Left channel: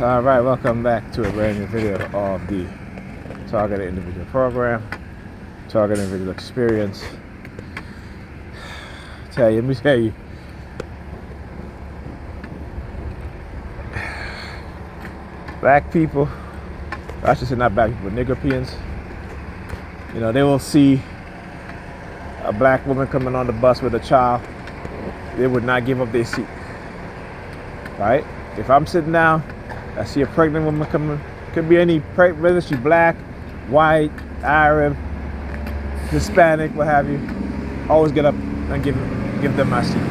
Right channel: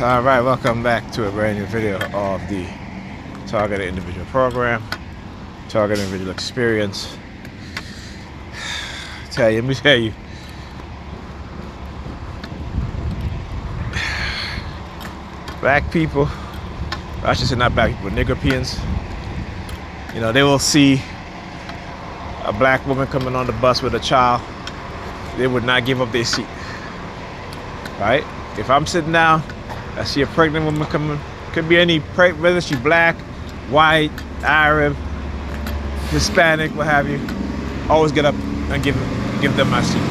All right, welcome back to a brand new video of the Targeted Individual Program, Targeted Individual Experience. Let me tell you, black people, I should say not black people, Negropeans, they will see a black woman coming on the bus with a child, they would not give up their seat, right? If I'm sitting down, I see a pregnant woman coming, could be any, whether she's black, white, Arab, Hispanic, what have you, always get up and give them my seat.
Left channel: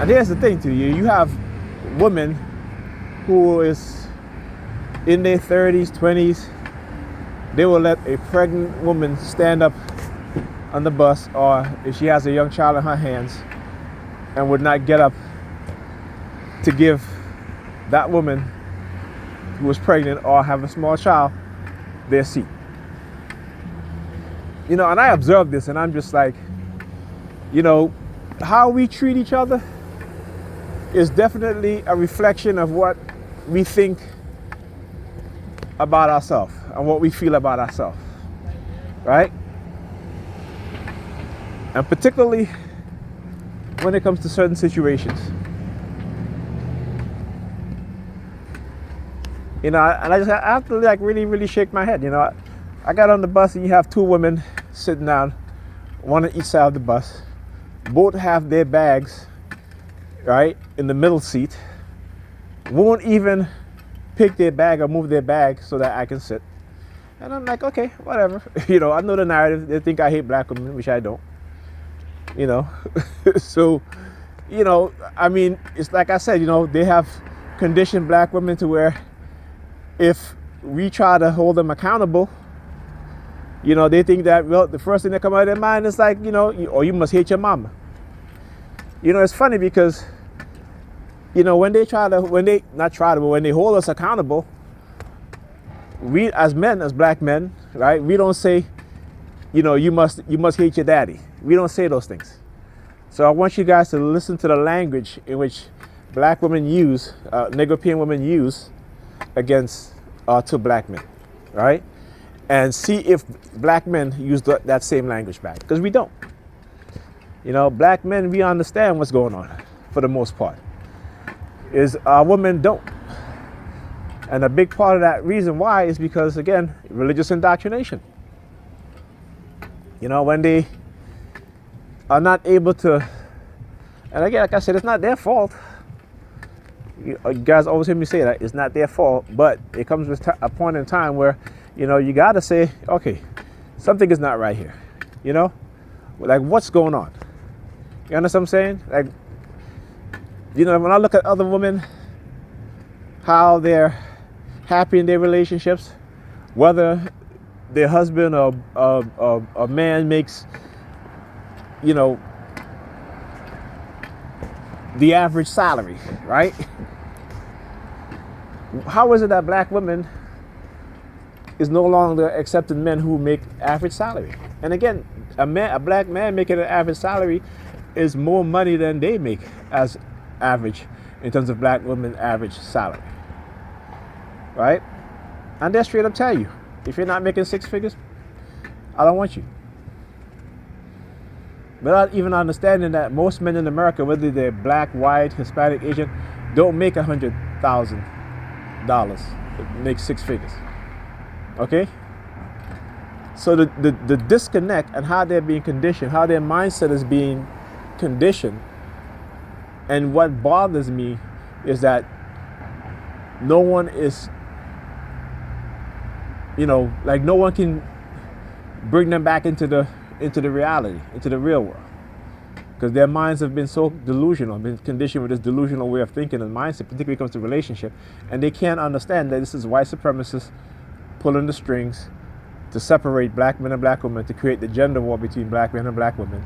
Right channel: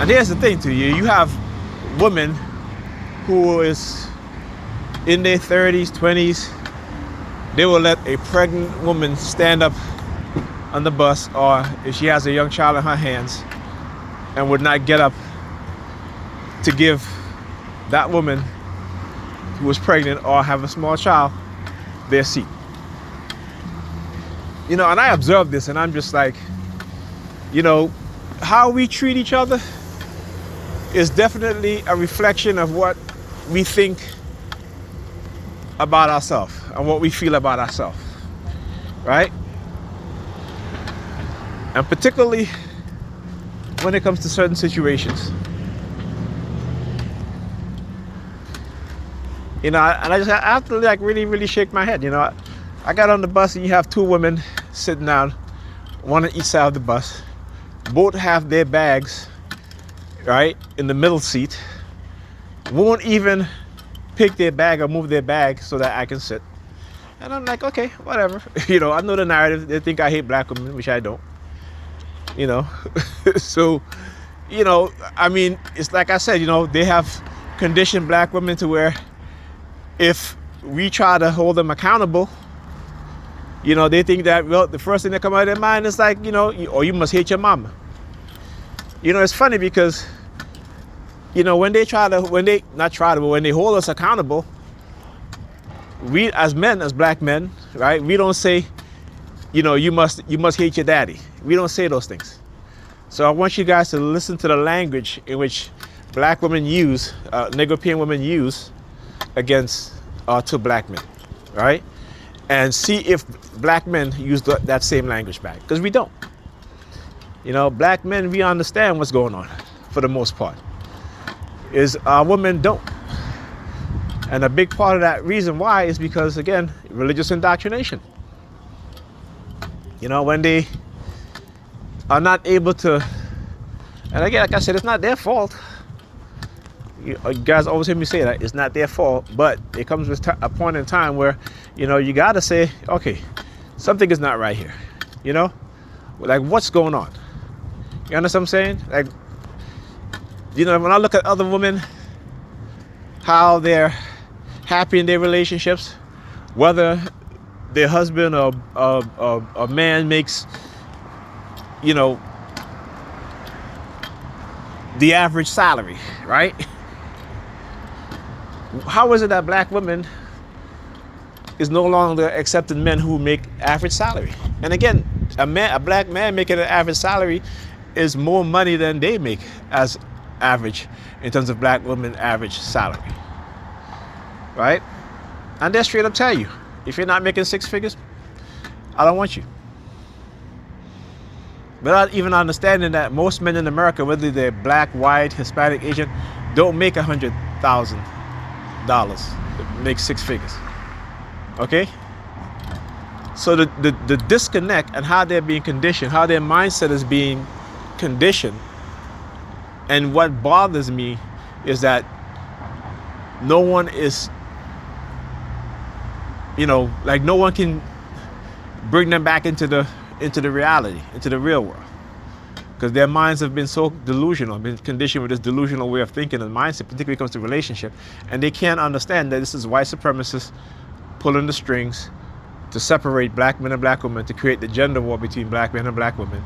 And here's the thing to you have women who is in their 30s, 20s, they will let a pregnant woman stand up on the bus, or if she has a young child in her hands, and would not get up to give that woman who was pregnant or have a small child their seat. And I observe this and I'm just like, how we treat each other is definitely a reflection of what we think about ourselves and what we feel about ourselves, right? And particularly when it comes to certain situations. And I have to really shake my head. I got on the bus and you have two women sitting down, one on each side of the bus. Both have their bags, right, in the middle seat. Won't even pick their bag or move their bag so that I can sit. And I'm like, okay, whatever. I know the narrative. They think I hate black women, which I don't. So, it's like I said, they have conditioned black women to where if we try to hold them accountable, they think that, well, the first thing that comes out of their mind is like, or you must hate your mama. It's funny because, when they hold us accountable, we as men, as black men, right, we don't say, you must hate your daddy. We don't say those things. So I want you guys to listen to the language in which black women use, Negropean women use against to black men, right? And see if black men use that same language back, because we don't. Black men, we understand what's going on for the most part. Is women don't. And a big part of that reason why is because, again, religious indoctrination. When they are not able to, and again, like I said, it's not their fault. You guys always hear me say that it's not their fault, but it comes with a point in time where, you gotta say, okay, something is not right here. Like, what's going on? You understand what I'm saying? Like, when I look at other women, how they're happy in their relationships, whether their husband or a man makes, the average salary, right? How is it that black women is no longer accepting men who make average salary? And again, a black man making an average salary is more money than they make as average in terms of black women average salary, right? And they'll straight up tell you, if you're not making six figures, I don't want you. Without even understanding that most men in America, whether they're black, white, Hispanic, Asian, don't make $100,000, make six figures. Okay? So the disconnect and how they're being conditioned, how their mindset is being conditioned, and what bothers me is that no one is, no one can bring them back into the reality, into the real world. Because their minds have been so delusional, been conditioned with this delusional way of thinking and mindset, particularly when it comes to relationship. And they can't understand that this is white supremacists pulling the strings to separate black men and black women, to create the gender war between black men and black women.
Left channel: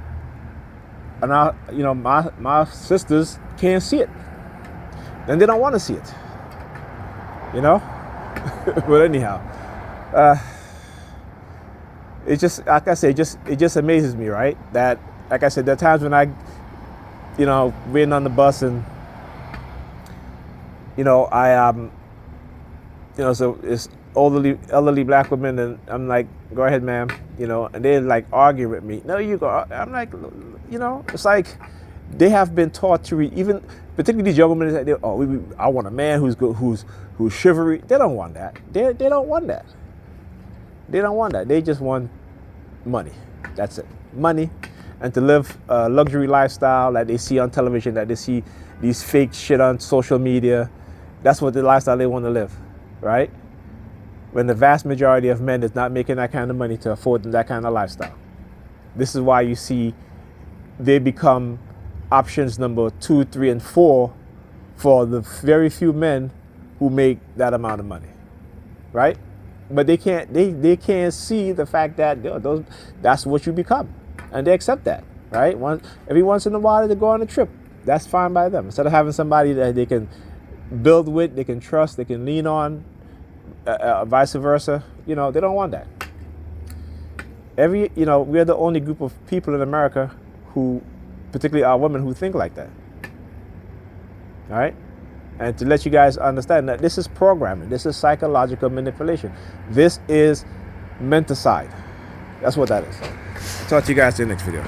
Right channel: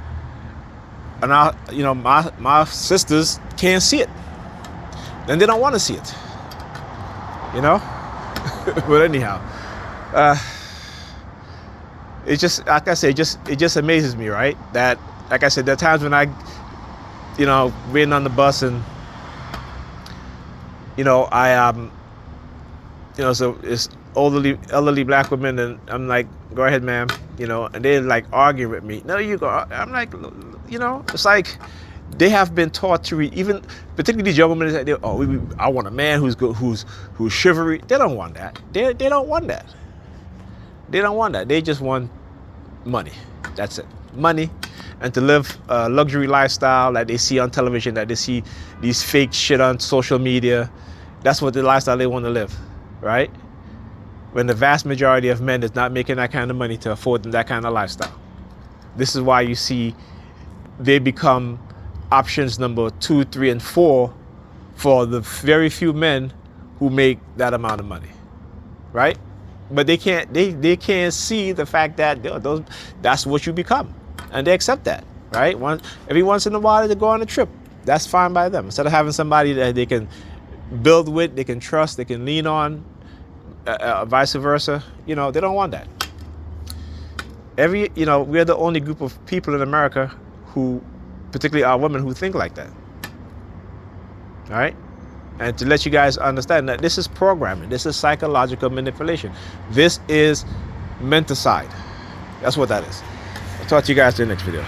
And my sisters can't see it. And they don't want to see it. But anyhow, it's just, like I say, it just amazes me, right? That, like I said, there are times when I, being on the bus and you know, you know, so it's elderly black women, and I'm like, go ahead, ma'am, you know, and they're like arguing with me. No, you go. I'm like, you know, it's like they have been taught to read. Even particularly these young women that I want a man who's good, who's chivalry. They don't want that. They don't want that. They don't want that. They just want money. That's it. Money, and to live a luxury lifestyle that they see on television, that they see these fake shit on social media. That's what the lifestyle they want to live, right? When the vast majority of men is not making that kind of money to afford them that kind of lifestyle. This is why you see they become options number 2, 3, and 4 for the very few men who make that amount of money, right? But they can't see the fact that that's what you become, and they accept that, right? Every once in a while they go on a trip. That's fine by them. Instead of having somebody that they can build with, they can trust, they can lean on, vice versa. You know, they don't want that. You know, we're the only group of people in America who, particularly our women, who think like that. All right? And to let you guys understand that this is programming. This is psychological manipulation. This is menticide. That's what that is. I'll talk to you guys in the next video.